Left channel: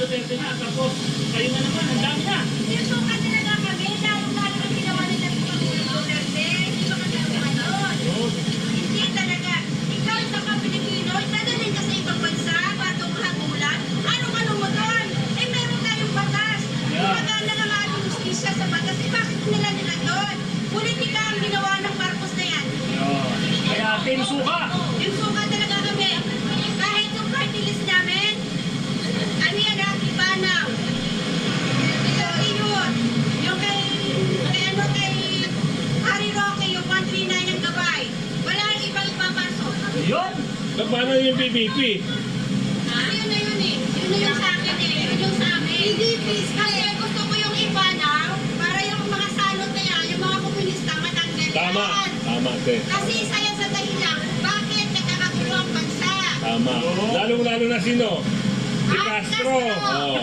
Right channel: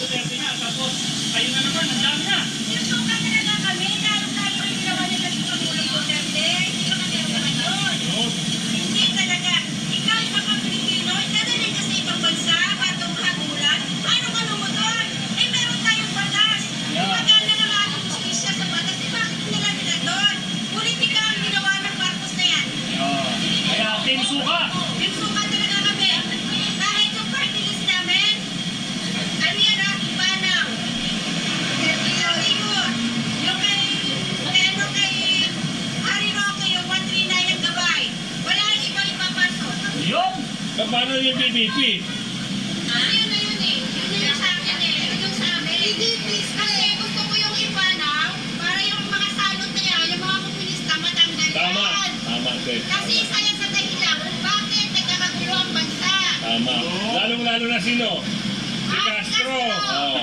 Duterte na, tapos kayo na naman, ang dami na. Sinusukan talaga kami, lalo-lalo ang ginawa nila sa Pangulong Duterte. Hindi ba kaganawan doon? Hindi talaga. Ikaw, isa ka Pilipino, dadalhin ka sa ibang bansa, patong hagulan. Anong-ano mo doon? Eh, meron tayong batas. Gumagana ng ating justisya sa batas. Eh, bakit nila doon? Politika ang ginawa ng Marcos na yan. Kaya Team Suka. Team Suka talaga kami. Kahit yung party list namin, ano yan ah, Panaw. Yung kay Harry Roque, yung 139 ng gabay. Wala yung ibang ipapasok. Yun. Paano yung PBP? Yun na yun eh. Yun na yung sa akin eh. Yun yung sa amin. Kasi gusto ko yung ipanaw para yung mga salot na yan, yung mga komunista matanggal yan. Tama. Tama, te. Kasi isa yan sa dahilan. Bakit nagkakagulo ang bansa? Tama. Lalong-lalo na sino? Si Castro. Oh.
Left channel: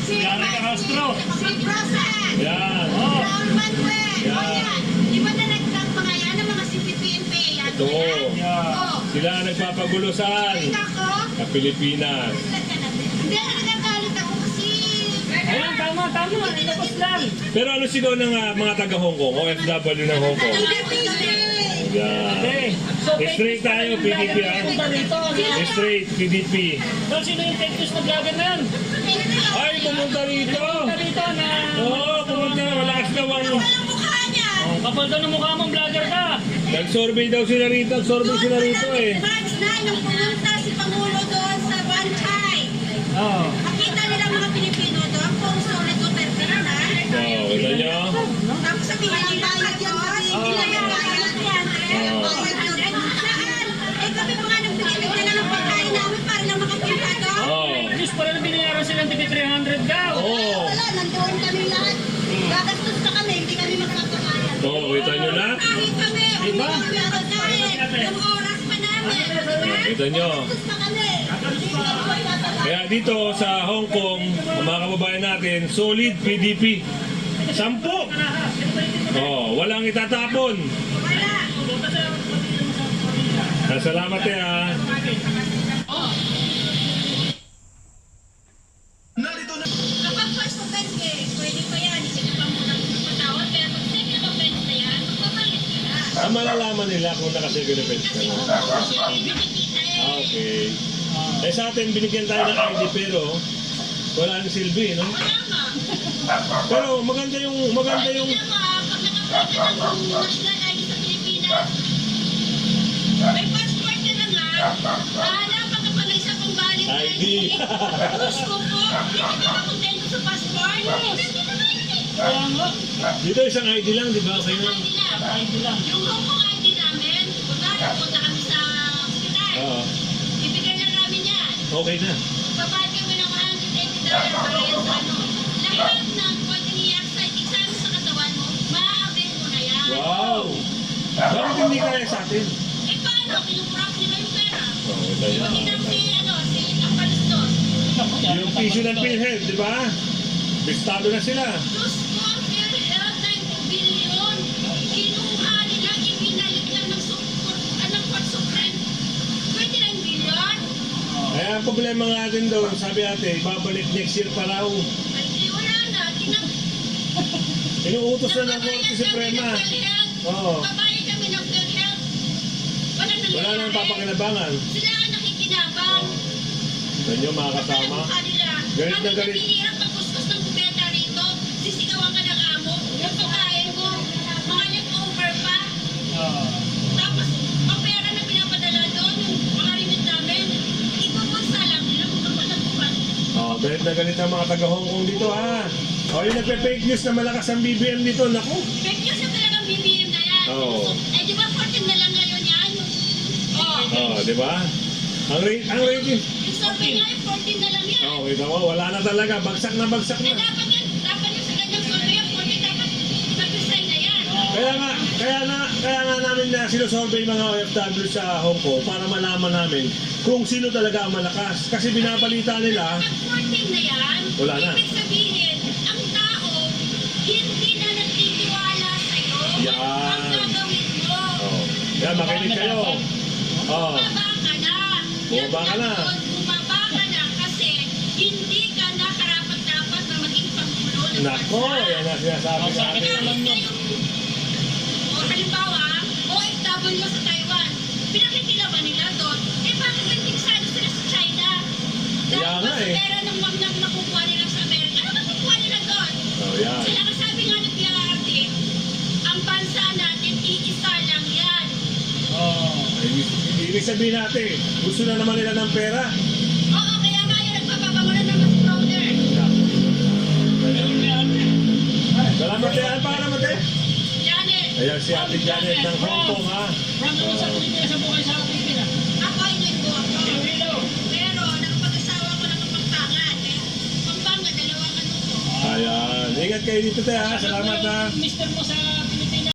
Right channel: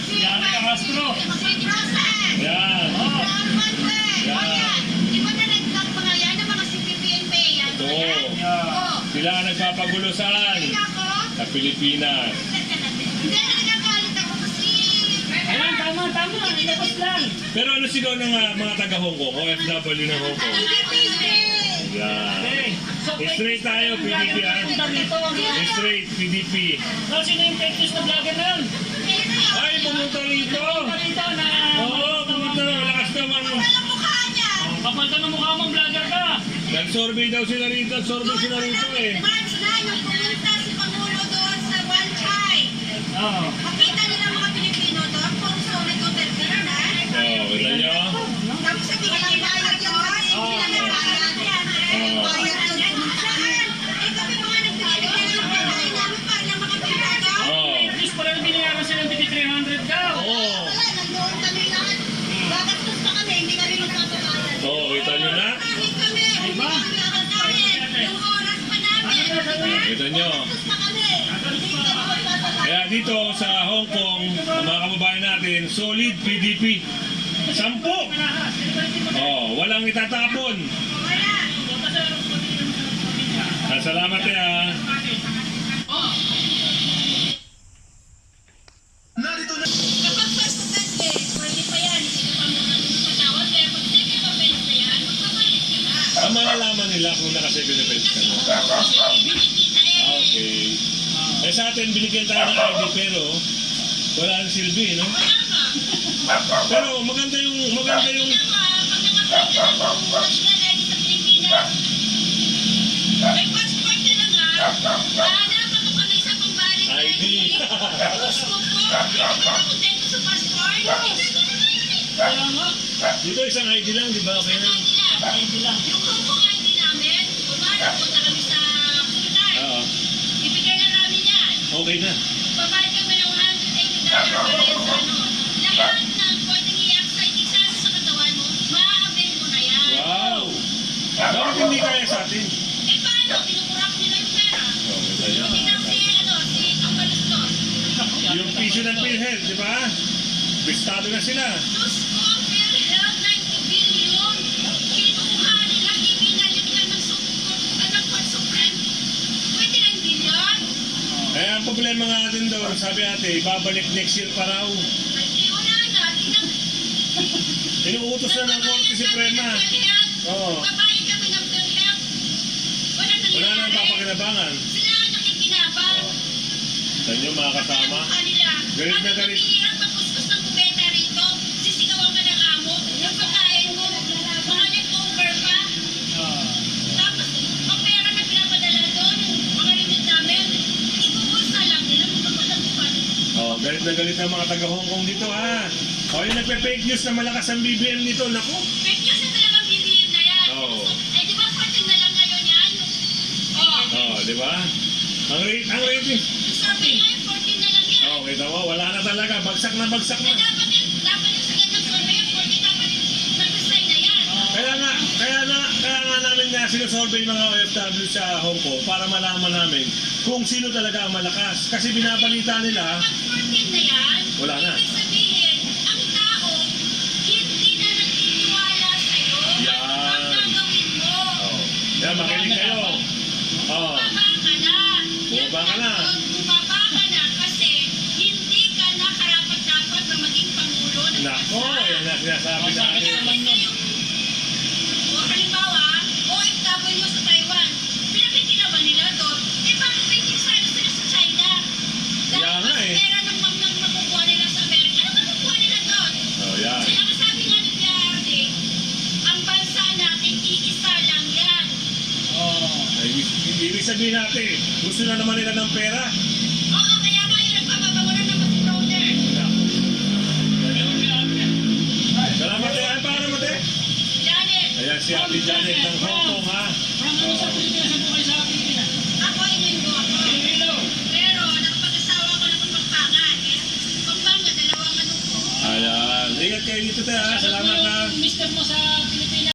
Si Castro. Si Rosan. Yan. Raul Manuel. Yan. O yan. Di ba na mga yan, ang mga CPP-NP? Yan. Ito. Oo. Sila ang nagpapagulo saan? Tingnan ko. Sa Pilipinas. Hindi, nagagalit ako kasi... Ayun, tama. Ilabas lang. Pero ano sigaw ng mga taga-Hong Kong? OFW ng Hong Kong? Yan. Okay. So, Straight tayo, PDP. punta rito. Straight, PDP. So, sino yung fake news na vlogger na yun? Ay, pumunta rito. Punta rito na... Oo, pumunta na. Malakas daw ang... Walang mukha niya. Kapal ka ng mukha mong vlogger ka. Nag-survey daw sila rito. Nag-survey sila rito eh. March na, nung pumunta si Pangulo doon sa Banchay. Oo. Makita nila mga Pilipino doon kung sulit o terpina. Oo, kita nyo? Tapos sabihin nila bayad yun. Hindi na yung bayad yan. Bayad yun. Saan? Eh kami mga nagbigay na ng pagkain namin para lang makapila doon. Oo. Fake news pala na binayaran silang tigit 300 daw. Oo. Wala, nandoon kami lahat. Gagastos na kami, hindi kami magpapabayad. Oo, kita nyo na? Kahit kami, hindi Diba? kami kakakain. Yung oras pa namin. Diba? Kita nyo? Gagastos na kami. Hindi kami magpapabayad. Kaya dito sa Hong Kong, ang mga kababayan natin, solid PDP. 10. Oh, walang itatapon. Wala. Salamat eh ah. Kapag first offense eh, pwede pa yan. Hindi ka pa muna patawad. Kaya pag second offense na yan, magpapalik ka na. Ang malalaman nila kung naka-second offense ka na. Kasi nakikita eh. Okay. Eh sa atin, binigyan tayo ng ID pero wala ang silbi, no? Wala nga. Pero maganda yung Pag naka-apply ka ng national ID sa Pilipinas, may passport ka na nga, dapat ka pa may isa pang valid ID. Gusto ko po, hindi ka ba kontento sa passport? Hindi ko na ID. Kaya nga. Dito isang ID lang, di ba? Okay na. ID lang. Yung Hong Kong ID namin, kunwari punta kami sa hospital, Oo. ibigay na namin yan. Okay na. Babayad kami ng $180 para yan sa ano. Lahat ng pwedeng i-excite sa katawan mo, maa-avail mo na yan. Wow! Bakit hindi kaya sa atin? Eh paano? Kinukurap nila yung pera. Oh, Di ba tingnan si Tampalistos? yung piso ng PhilHealth, di ba? Bistado na sila. Diyos ko, ang PhilHealth, 90 billion. Kinuha nila, ibinalik lang ng Court Supreme. 29 billion. Kaya ang problema natin doon, sabi ate, ibabalik next year pa raw. Ay, di wala na. Inuutos na ng Korte Suprema. Oo. Babayad kami ng PhilHealth. Wala na Wala nang papakinabangan. Sila ang nakikinabang. Sa inyo mga kasama. Galit na galit. Ang pagkuskus ng kubeta rito, sisigawan ka ng amo, yung pagkain mo, mga leftover pa. Tapos, ang pera na pinapadala doon, yung mga limit namin, ibubulsa lang nila kung kapalabuhan. Oh, galit na galit ang mga taga Hong Kong dito ha. Oh, yung nagpe-fake news na malakas ang BBM dito, naku. Fake news na talagang BBM na yan. Oo. Eh, di ba 14 na lang ngayon yan? Oh, di ba? Ang rating. Yung survey nga, 14 na lang yan. Oh, kita mo, wala na talaga. Bagsak na bagsak Eh, na. dapat yung sa ganyang survey, yung 14 dapat mag-resign na yan. Kaya nga namin na sinusurvey mga OFW sa Hong Kong para malaman namin kung sino talaga ang malakas. Kasi binabalita nila, Pag 14 na yan, Wala na. ibig sabihin, ang tao, hindi na nagtitiwala sa'yo. Yan. Ang gagawin mo. oh, yan, makinig kayo. Oh, Bumaba ka na. Bumaba ka na. Bumaba ka na kasi hindi ka na Nako, yan ang sinasabi Oh, sa akin natin. naman nun. O halimbawa, OFW sa Taiwan, pinakikilaban nila doon. Eh bakit may kiksado sila sa China? Kaya Dahil nga mas eh. pera ng makukuha nila sa Amerika. Ano makukuha nila doon? Oh, yan. Kaya kasabi nga ni PRD, ang bansa natin, iisa lang yan. Oh. Ibig sabihin natin, gusto na naman nila ng pera. Oo, kaya nga yun nagpapapamulan ng mas brother. Ganun nga ate. Salamat eh. Ano para naman eh? Janet, Ayan si Ate Janet ng Hong Kong ha. From ano sa Pilipinas, sa buhay sa Pilipinas. ako ay linggo ako. Iloilo. Pero nakapag-asawa ko na itong Pampangan. Kaya Pampanga, dalawang ano ko. Ayan. Ingat kayo dito tayo ha. Salamat ha. Mister mo sa